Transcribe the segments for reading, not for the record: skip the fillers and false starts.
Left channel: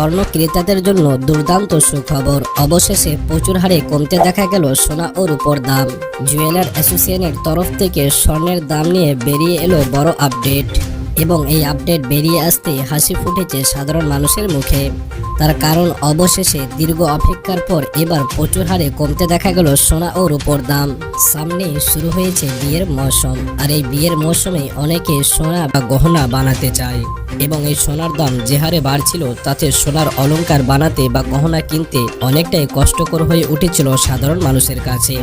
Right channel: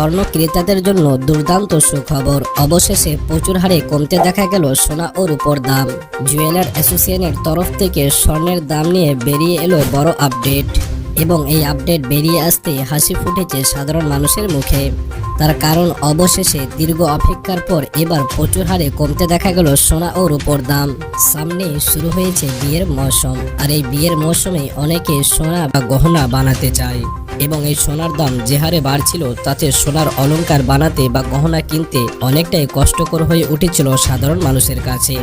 স্বর্ণ ক্রেতাদের জন্য দুর্দান্ত সুখবর। অবশেষে প্রচুর হারে কমতে দেখা গেল সোনা ও রূপোর দাম। জুয়েলার অ্যাসোসিয়েশনের তরফ থেকে স্বর্ণের দাম নিয়ে বেরিয়ে এলো বড় আপডেট, এবং এই আপডেট বেরিয়ে আসতে হাসি ফুটেছে সাধারণ মানুষের মুখে। তার কারণ অবশেষে দীর্ঘ অপেক্ষার পর এবার প্রচুর হারে কমতে দেখা গেল সোনা ও রূপোর দাম। সামনে শুরু হয়েছে বিয়ের মৌসুম, আর এই বিয়ের মৌসুমে অনেকে সোনা বা গহনা বানাতে চায়, এবং এই সোনার দাম যে হারে বাড়ছিল তাতে সোনার অলংকার বানাতে বা গহনা কিনতে অনেকটাই কষ্টকর হয়ে উঠেছিল সাধারণ মানুষের কাছে।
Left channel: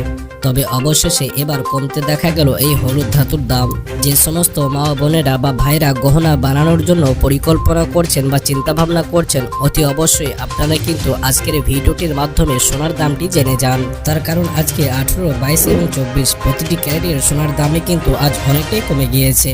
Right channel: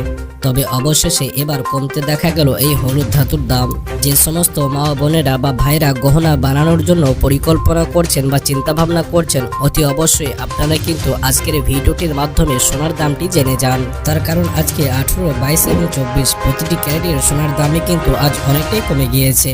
তবে অবশেষে এবার কমতে দেখা গেল এই হলুদ ধাতুর দাম। যে সমস্ত মা বোনেরা বা ভাইরা গহনা বানানোর জন্য পরিকল্পনা করছেন বা চিন্তা ভাবনা করছেন, অতি অবশ্যই আপনারা কিন্তু আজকের ভিডিওটির মাধ্যমে সোনার দামটি জেনে যান। তার কারণ আজকে 18, 22 এবং 24 প্রতিটি ক্যারেটের সোনার দামে কিন্তু আজ অনেকটাই কমে গিয়েছে।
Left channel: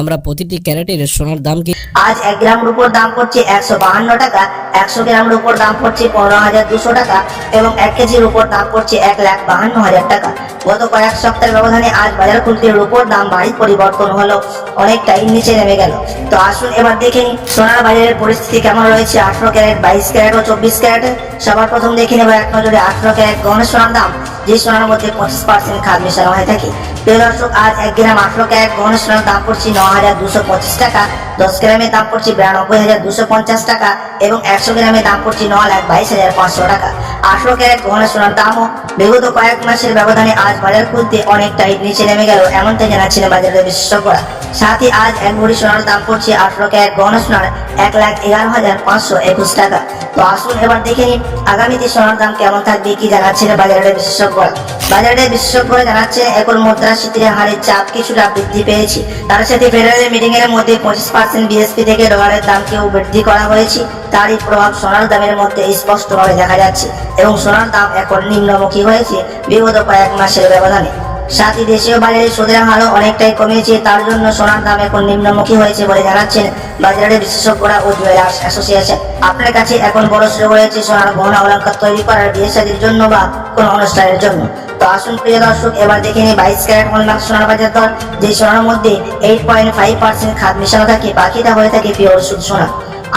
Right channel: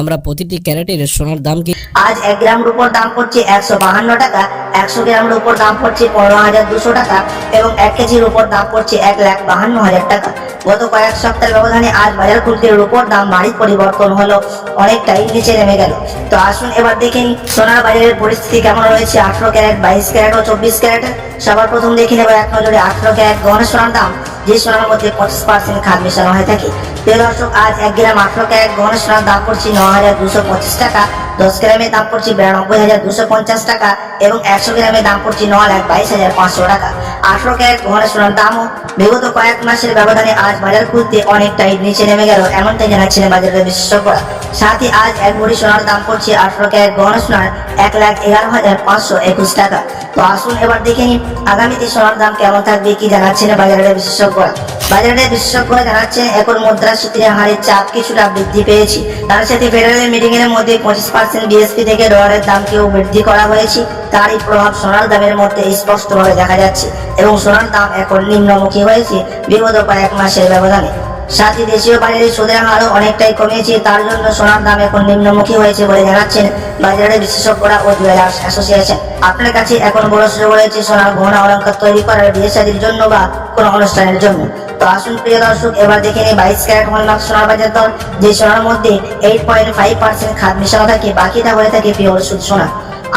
আমরা প্রতিটি ক্যারেটের সোনার দাম আজ 1 গ্রাম রূপোর দাম পড়ছে 152 টাকা, 100 গ্রাম রূপোর দাম পড়ছে 15,200 টাকা এবং 1 কেজি রূপোর দাম পড়ছে 1,52,000 টাকা। গত কয়েক সপ্তাহের ব্যবধানে আজ বাজার খুলতে রূপোর দাম ভারী পরিবর্তন হলো, অনেকটাই নিচে নেমে গেল। তো আসুন এবার দেখে নিই সোনার বাজারের পরিস্থিতি কেমন রয়েছে 18 ক্যারেট, 22 ক্যারেট ও 24 ক্যারেটে। সবার প্রথম দেখে নেব এক নজরে 18 ক্যারেট গহনা সোনার দাম, যে সোনার মধ্যে 25% খাদ মেশানো হয়ে থাকে। প্রিয় দর্শক, আজ 1 গ্রাম 18 ক্যারেট গহনা সোনার দাম পড়ছে 9,225 টাকা, 10 গ্রামের দাম পড়ছে 92,250 টাকা এবং 100 গ্রামের দাম পড়ছে 9,22,500 টাকা। 18 ক্যারেট গহনা সোনার দামও বিগত কয়েক মাসের ব্যবধানে আজ বাজার খুলতে অনেকটাই নিচে নেমে গেল, এমনটাই জানাচ্ছেন বাজারের বিশেষজ্ঞরা। সাথে আজ 1 ভরি সোনার দাম পড়ছে 18 ক্যারেট গহনা সোনার 1,11,521 টাকা। তো আসুন এবার দেখে নিই আগামীতে সোনার দাম কেমন থাকবে, কি জানাচ্ছেন বাজারের বিশেষজ্ঞরা। বাজারের বিশেষজ্ঞরা জানাচ্ছেন এখন মুদ্রাস্ফীতির হারের চাপ কিছুটা বৃদ্ধি পেয়েছে। তার সাথে ফেডারেল মিটিং এর মধ্যে 25% বিএসপি থেকে ডলারের দামকেও বৃদ্ধি করা হয়েছে। তারই প্রভাব সোনার দামের মধ্যে স্পষ্টভাবে দেখা যাচ্ছে এবং সোনার দাম এখন নিম্নমুখী হয়েছে বিগত কয়েক মাসের ব্যবধানে। সাথে দেশীয় বাজারে সুদের হারও অনেকটাই কমেছে, তার জন্য সোনার দাম এখন নিম্নমুখী হয়েছে বলে জানাচ্ছেন বাজারের বিশেষজ্ঞরা ও জুয়েলার্স অ্যাসোসিয়েশন। আপনার কাছে এখন বড় সুযোগ রয়েছে সোনার গহনা অলংকার তৈরি করার, বিয়ে শাদীর জন্য বা কোনো অনুষ্ঠানের জন্য। তো আসুন প্রিয় দর্শক এবার দেখে নিই 22 ক্যারেট হলমার্ক সোনার বাজার দর, যে সোনার মধ্যে 8.5% খাদ মেশানো থাকে, বাকিটা হয়ে থাকে পিওর শুদ্ধ সোনা।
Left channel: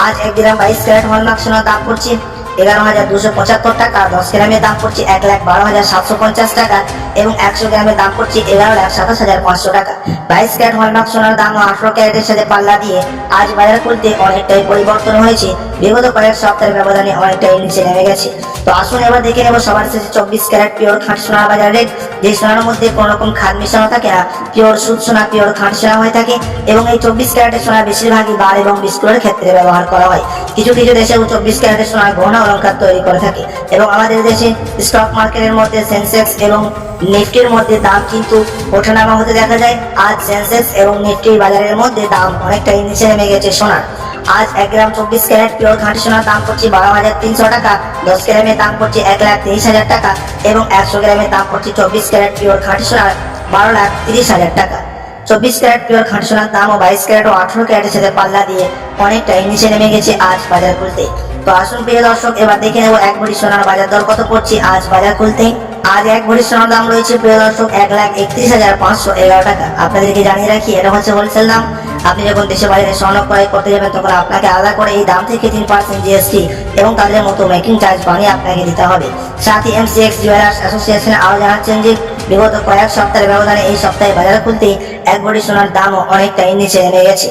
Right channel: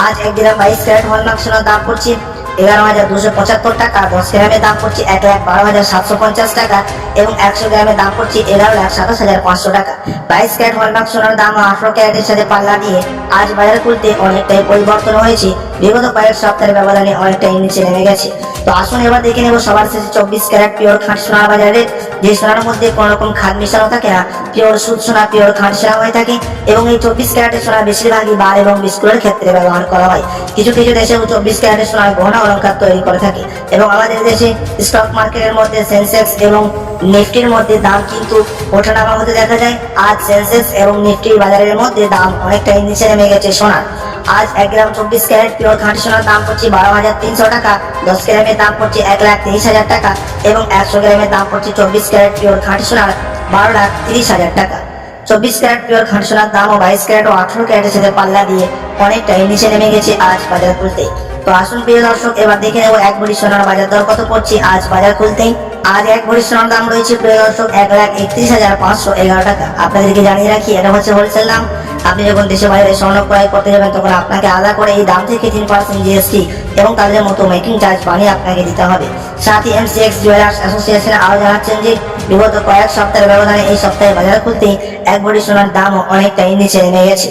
আজ 1 গ্রাম 22 ক্যারেট হলমার্ক সোনার দাম পড়ছে 11,275 টাকা, 10 গ্রামের দাম পড়ছে 1,12,750 টাকা এবং 100 গ্রামের দাম পড়ছে 11,27,500 টাকা। 22 ক্যারেট হলমার্ক সোনার দাম 18 ক্যারেটের সাথে পাল্লা দিয়ে আজ বাজার খুলতে অনেকটাই পরিবর্তন হয়েছে, বিগত কয়েক সপ্তাহের ব্যবধানে অনেকটাই নিচে নেমে গেছে। তো আসুন এবার দেখে নেব সবার শেষে 24 ক্যারেট পিওর খাঁটি সোনার বাজার রেট, যে সোনার মধ্যে কোনো রকম খাদ মেশানো থাকে না, পিওর সুদ সোনা, পিওর খাঁটি সোনা হয়ে থাকে এবং এই 24 ক্যারেটের সোনা বেশিরভাগই বার এবং বিস্কুটের ক্ষেত্রে ব্যবহার করা হয়। কিছু কিছু দেশে 24 ক্যারেটের সোনার গহনা অলংকার তৈরি করে থাকে এবং আমাদের দেশে স্টক মার্কেটের মধ্যে সেন্সেক্স এবং নিফটির মধ্যে দাম কিন্তু ওঠানামা হতে দেখা যায়। আজ সেন্সেক্স এবং নিফটি বাজারের মধ্যে দাম অনেকটাই নিচে নেমে গেছে সোনার। আজ 1 গ্রাম 24 ক্যারেট পিওর খাঁটি সোনার দাম পড়ছে 12,300 টাকা, 10 গ্রামের দাম পড়ছে 1,23,000 টাকা এবং 100 গ্রামের দাম পড়ছে 24 ক্যারেট পিওর খাঁটি সোনার 12,30,000 টাকা। 24 ক্যারেট পিওর খাঁটি সোনার দাম ও 22 ক্যারেট ও 18 ক্যারেটের সাথে পাল্লা দিয়ে অনেকটাই নিচে নেমে গেছে আজ বাজার খুলতে। তো আসুন প্রিয় দর্শক এবার দেখে নেব 1 ভরি সোনার বাজার দর কত পড়ছে আজ বাজার খুলতে। আজ 1 ভরি সোনার দাম রয়েছে প্রিয় দর্শক 1,31,511 টাকা। আপনাদেরকে জানিয়ে রাখি এটা হচ্ছে হোলসেল দাম। আপনি যখন দেশে বাইরে স্বর্ণ ক্রয় করতে যাবেন তখন আপনাকে আলাদা করে এই দাম থেকে 3% জিএসটি এবং তাদের মতো মেকিং চার্জ বানিয়ে আপনাকে দিতে হবে। সাথে এমসিএক্স জুয়েলার্স অ্যাসোসিয়েশন আরও জানাচ্ছেন যে বিগত কয়েক সপ্তাহের ব্যবধানে এই সপ্তাহে বাজার খুলতেই 1 ভরি সোনার দামও অনেকটাই নিচে নেমে গেছে।